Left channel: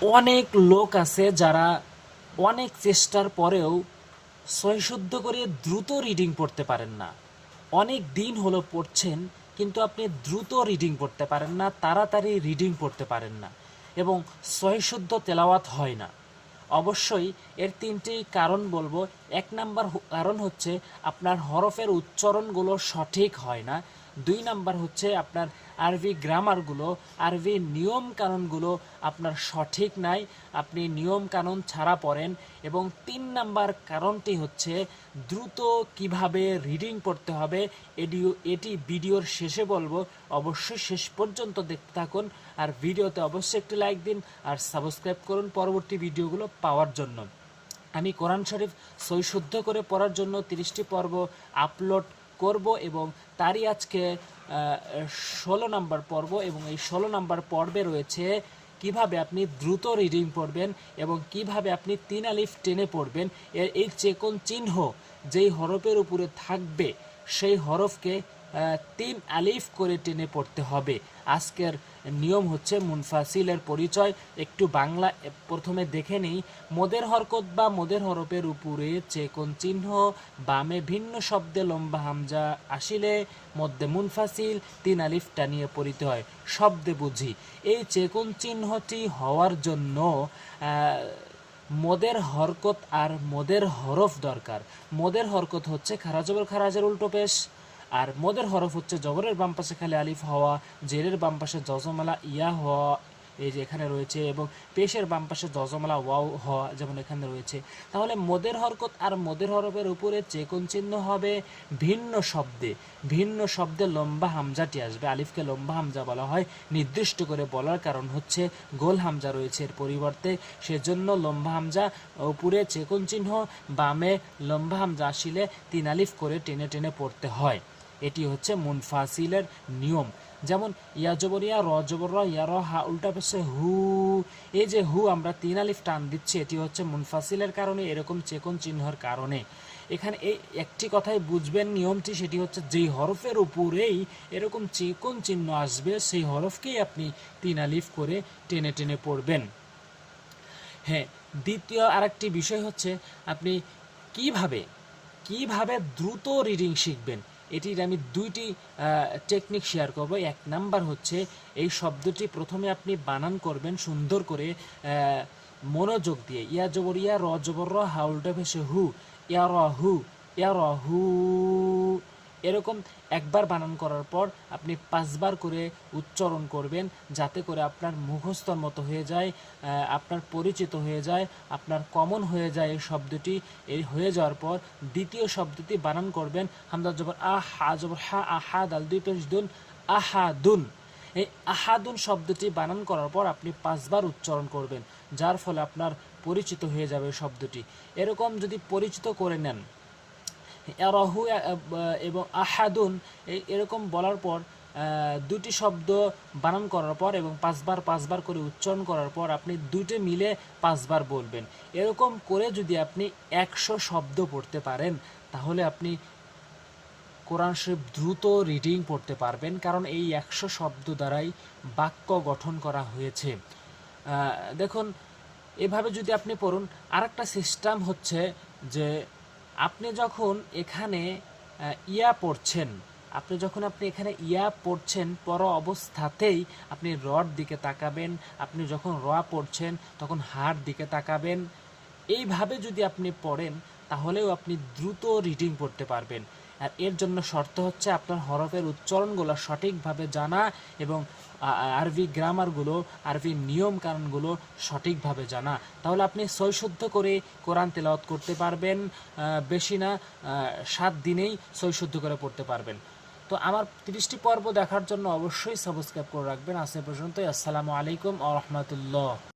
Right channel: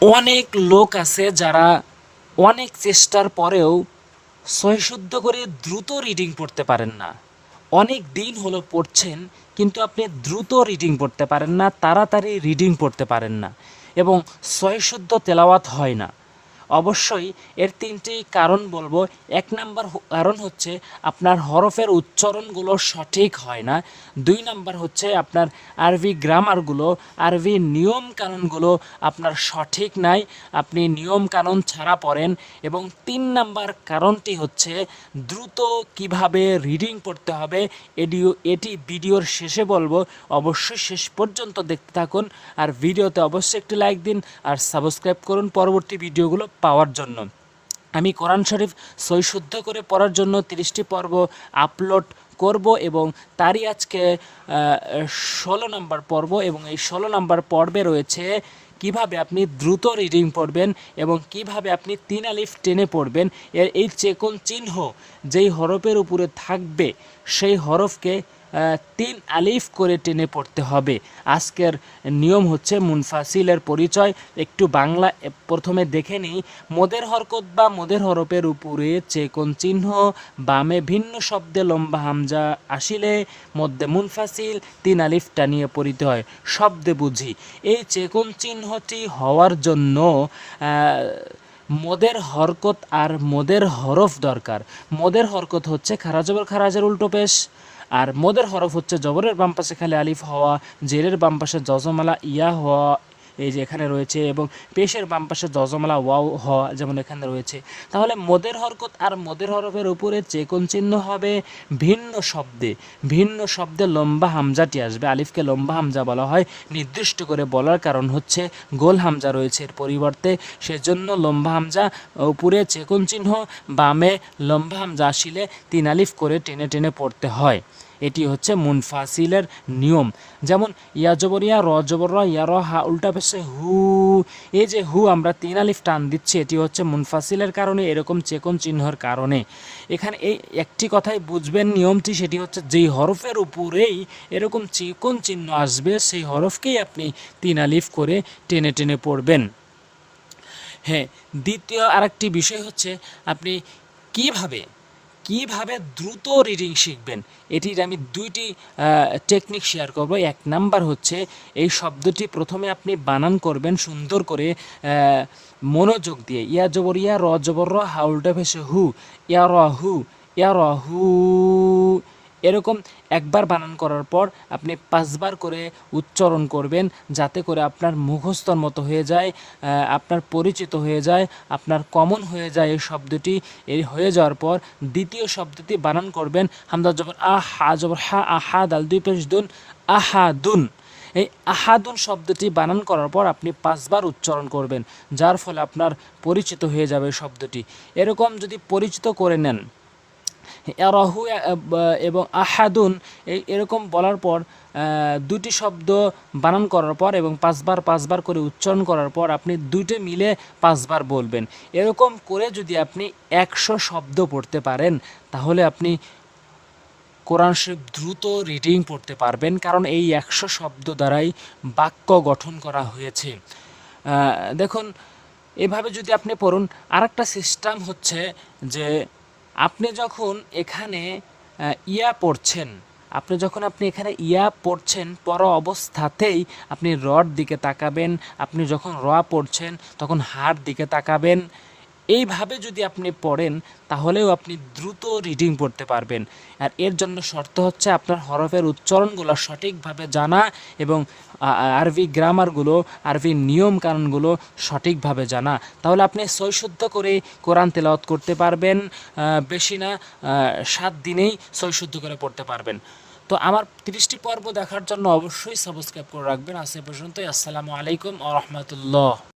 অনেক লোক আছে যারা অনেক চেষ্টার পরেও সহিশুদ্ধ করে দ্রুত রিডিং পড়তে পারেন না। অনেক দিন হলো পড়ছেন, কিন্তু আপনি দ্রুত রিডিং পড়তে পারেন না, তাড়াতাড়ি রিডিং পড়তে পারেন না এবং সহিশুদ্ধ তেলাওয়াত হয় না। অবশ্যই এর তিনটি কারণ বলব। এক নাম্বার কারণ হচ্ছে আপনার হরফের উচ্চারণগুলো সঠিক হয় না। দুই নাম্বার হচ্ছে আপনার আরবি গ্রামারগুলো আরবি নিয়ম কানুনগুলো আপনার সঠিক নাই, আপনি নিয়ম কানুন ছাড়া পড়েন। এবং তিন নাম্বার কারণটি হচ্ছে দ্রুত কীভাবে রিডিং পড়তে হবে, এডিও এটি ভিডিওর শেষে বলব। অবশ্যই শেষ পর্যন্ত দেখতে থাকুন। আর ভিডিওতে অবশ্যই একটি লাইক দিন। আর সাবস্ক্রাইব করুন। পরবর্তী ভিডিওগুলো পাওয়ার জন্য। আমি কোরআন শরীফ সৈশুদ্ধ করে পড়ার জন্য তিরিশটি পর্ব আপলোড করব এবং তারই আজকে ষোলো নাম্বার পর্ব এবং এই ষোলো নাম্বার পর্বে রয়েছে কীভাবে আপনি দ্রুত রিডিং পড়বেন এবং কীভাবে আপনি তিন আলিফ টেনে পড়বেন। এর এই চেকন চিহ্ন যেই হরফের উপরে থাকবে, সেই হরফকে তিন আলিফ করে টেনে পড়তে হবে। আজকের নিয়ম হচ্ছে মুনফাসিলের পরিচয়। একটু বাংলা প্রথমে দেখে নিই। মোদের হরকত বা মোদের হরফের উপরে চেকন চিহ্ন, বামে ভিন্ন শব্দে লম্বা হামজা আসিলে মধ্যে মুনফাসিল, তিন আলিফ টানিয়ে পড়িতে হয়। শব্দে বুঝি। এই চেকন চিহ্নটি হওয়ার জন্য মোদের হরকত আর মোদের হরফ দরকার। মোদের হরকত হচ্ছে খারাজবর খারাজের উল্টো পেশ। আর মোদের হরফ হচ্ছে জবরের বাম পাশে খালি আলিফ হওয়া জেরের বাম পাশে জজমালা, ইয়া হওয়া এই যে এখানে রয়েছে এবং পেশের বাম পাশে জজমালা ওয়াও হওয়া যেমন এখানে রয়েছে। তাহলে মদের হরকত আর মদের হরফের উপরে চেকন চিহ্ন হবে ভিন্ন শব্দে। ভিন্ন শব্দে লম্বা হামজাটি আসবে। আলিফকে লম্বা হামজা বলা হয়। নির্দিষ্ট করে বলার কারণ হচ্ছে গোল হামজা রয়েছে এর পরিবর্তে। সেজন্য লম্বা হামজা উপরে চেকন চিহ্ন, বামে লম্বা হামজা আসিলে তিন আলিফ করে টেনে টেনে পড়তে হয়। এটি হচ্ছে মুনফাসিলের নিয়ম। যেমন, ইয়া জবর, ইয়া র জবর, র, ইয়া র, হা, উল্টা পেশে হু। এই যে হু, আমরা তিন আলিফ টান দিচ্ছি, এটি হচ্ছে মুনফাসিলের কারণে, এরকম চেকন চিহ্নর কারণে। এখানে এই একটি কথাই বুঝবেন নিয়মটি, সেটি হচ্ছে যেই হরফের উপরেই এরকম চেকন চিহ্ন আসবে, সেই হরফকেই আপনি তিন আলিফ করে টেনে টেনে পড়বেন। হ্যাঁ দ্বিতীয় আরেকটি বিষয় হচ্ছে, আপনি কীভাবে কীভাবে দ্রুত রিডিং শিখবেন? এটির আমি দুইটি টেকনিক শেয়ার করব। এক নাম্বার হচ্ছে, এই শব্দটি প্রথমে আপনি বানান করবেন সুন্দর করে মনোযোগ দিয়ে। ইয়া জবর ইয়া র জবর র, হাউলটা ভেসে হু, ইয়া র হু, ইয়া র হু এরকম একবার বানান করার পর আপনি পাঁচবার করে উচ্চারণ করবেন, যাতে করে আপনার মুখস্থর মতো হয়ে যায় আপনার পরিচিত হয়ে যায়, আপনার কমন হয়ে যায় এই শব্দটি। এই হয়ে যাওয়ার পর দ্বিতীয় শব্দটি বানান করবেন, হামদা জবর আ হা জবর হা, আহা, দাল দুই পেশ দুন, আহাদুন। এই আহাদুন শব্দটি বানান করার পর আপনি পাঁচবার উচ্চারণ করবেন, যার ফলে আপনার পরিচিত হয়ে যাবে শব্দটি। এরকম যদি পরিচিত করে নেন ইয়ারাহু এবং আহাদুন এরকম বলার পর দুটি শব্দ বানান করার পর এবং পাঁচবার পাঁচবার করে উচ্চারণ করার পর আপনি দুইটি মিলে পাঁচবার বলবেন। এরকম করে যদি আপনি একশো শব্দ পড়তে পারেন, তাহলে আপনি কোরআন শরীফ দ্রুত রিডিং পড়তে পারবেন, কারণ এই একশো শব্দ দ্বারাই বাক্য গঠন করা হয়েছে। দেখুন, এভাবে যদি আপনি পড়ুন, আরেকটা সিস্টেম হচ্ছে যে আপনি যখন এখানে ইয়া পড়ছেন, আপনি যখন আপনি এখানে ইয়া পড়ছেন, পর অবস্থাতেই আপনি রড দিকে তাকাবেন, আপনি যখন র পড়ছেন, তখন হার দিকে তাকাবেন এইভাবে যদি আপনি পড়েন, তাহলেও আপনি দ্রুত রিডিং পড়তে পারবেন। আর এর জন্য শর্ত হচ্ছে আপনার হরফের উচ্চারণগুলো সঠিকভাবে জানা এবং আরবি গ্রামারগুলো আরবি নিয়ম কানুনগুলো সঠিকভাবে জানা। তাহলে আপনি সৈশুদ্ধ করে কোরআন তেলাওয়াত করতে পারবেন বেশি না সাত দিনেই সৈশুদ্ধ করে পড়তে পারবেন। তো আমার তিরিশটি পর্ব দেখার জন্য অবশ্যই সাবস্ক্রাইব করে রাখবেন। আজ পর্যন্তই। আসসালামু আলাইকুম আ রহমতুল্লাহ।